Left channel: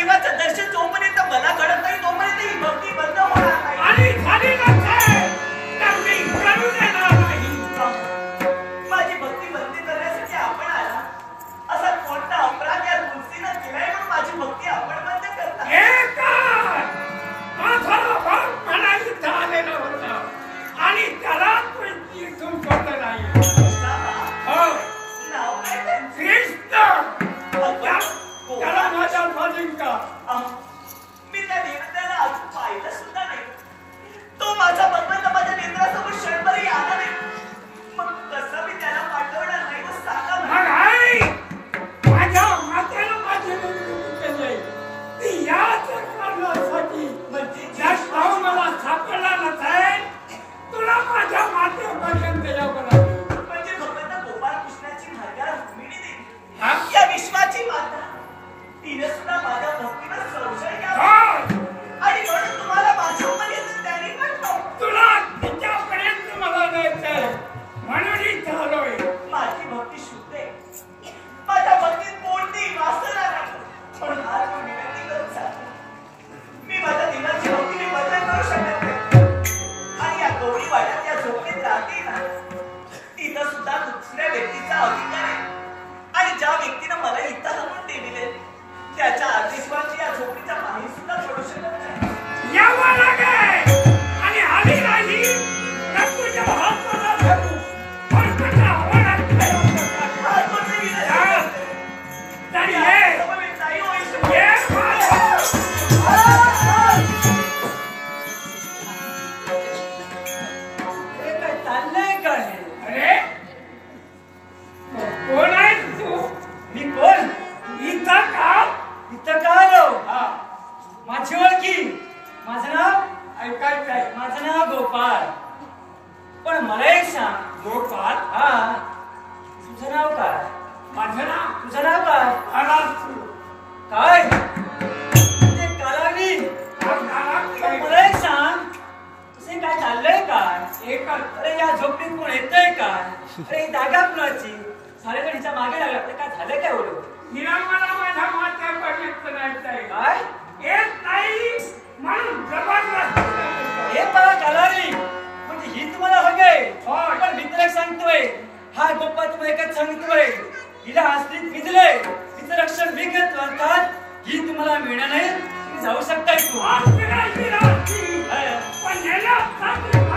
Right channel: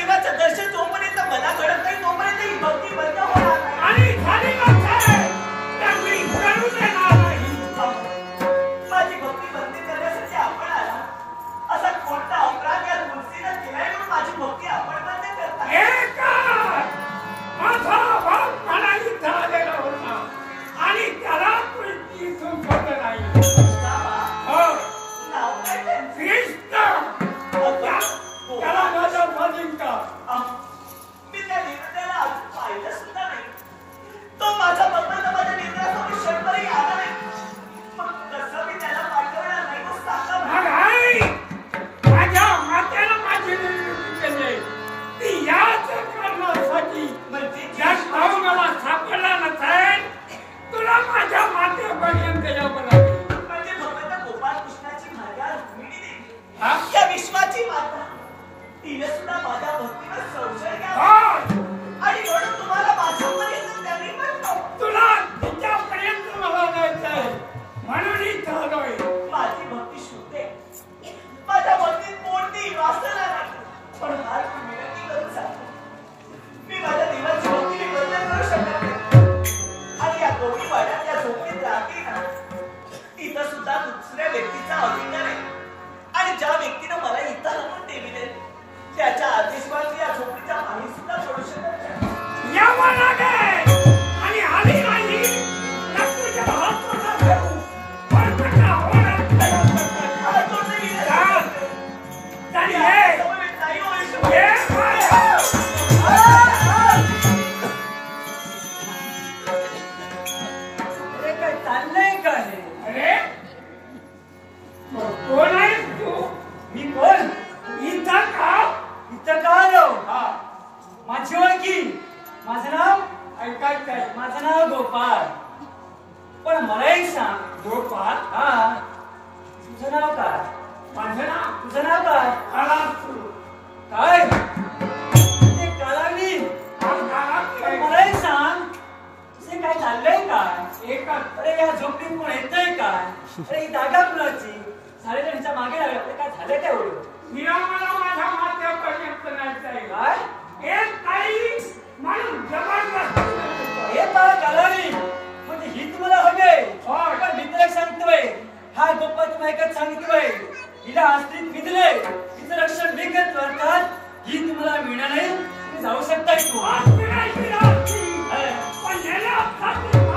देवाचं दर्शन जोपर्यंत मला घडत नाही तोपर्यंत ही भक्ती बंद होणार नाही. आणि झाली नसेल तर मी करू देणार नाही. माझी भक्ती बंद करण्यासाठी आपण आला असा कोणता अपराध या तुलसीनं केलाय म्हणून माझी भक्ती आपण बंद करता? माझा बाप मला इथं आलेला होता आणि त्याला तू इथून सोडलं नाही. नाव काय त्यांचं? कृष्ण. त्याला माझ्या मालिका. मी त्या देवतेला अजून पाहिलं सुद्धा नाही. तो माझा भगवंत माझ्या नेत्रासमोर क्षणभरही आला नाही. मग कसं मी त्याला पाठवणार नाही व सांगा मग माझ्या मातेला माझी विनंती केली ती याच कारणासाठी म्हणजे भाऊ मला सापडला नसेल तुला माझ्या मातेपर्यंत यावं लागेल. म्हणजे भगवंत गोपाळ कृष्णाची मार्गा रुक्मिणी देवी या विश्वाची माता तिने सुद्धा माझ्या भक्तीवर संशय घ्यावा आणि म्हणून तुम्हाला माझ्यापर्यंत त्यांनी पाठवलं. तुला तिच्यापर्यंत मला जायचंय म्हणून इथं आलोय. माझी भक्ती शुद्ध आहे. माझ्या भक्तीत कोणतीही वासना नाही. पण आज मी विनंती करून सांगतो मी माझ्या देवाची भक्ती मी बंद करू शकत नाही. आणि या गवळी वाड्यात या झोपडीत राहते ना तिथं सुद्धा दुसऱ्या व्यक्तीचा अधिकार आहे. आणि ज्या व्यक्तीनं मला इथं आणून ठेवले त्याच्या आदेशवाची या झोपडीच्या बाहेर सुद्धा पडू शकत नाही. यावं लागेल आणि आली नाही तर तुझ्या हाताला धरू पण तुझ्या होणार चाललंय काय? अरे कोण आहेस तू? मी कोण? इथं का आलो? माझी ओळखी. माझं नाव ऐकायचंय. माझं नाव गोपाळ. पण मला एक सांग गोपाळ. तुझं नाव काय? माझं नाव तुझं नाव काय? कालासू. काय ते कालावली? मला एक सांग तुझे काय चाललंय काय? एकच. अरे या झोपडीत कोण येतोय काय? अरे ही जागा कुणाची? सारेजणीच्या मागे लागले. आपलं काय झालं काय एवढं? हिला मला माझ्या मातेपर्यंत जायचंय. काय येत नाही म्हणून जबरदस्ती हे पहा कालावली म्हणजे ही तुम्हाला हवे. पण मी तुला सांगतोय हा गोपाळ तुम्हाला एकच सांगतोय हिला आस्तीत विजलंय तिचं रक्षण मी घेतलं अर्थात ही तुम्हाला मिळणार नाही. तुम्ही जाऊ शकता इथून. पण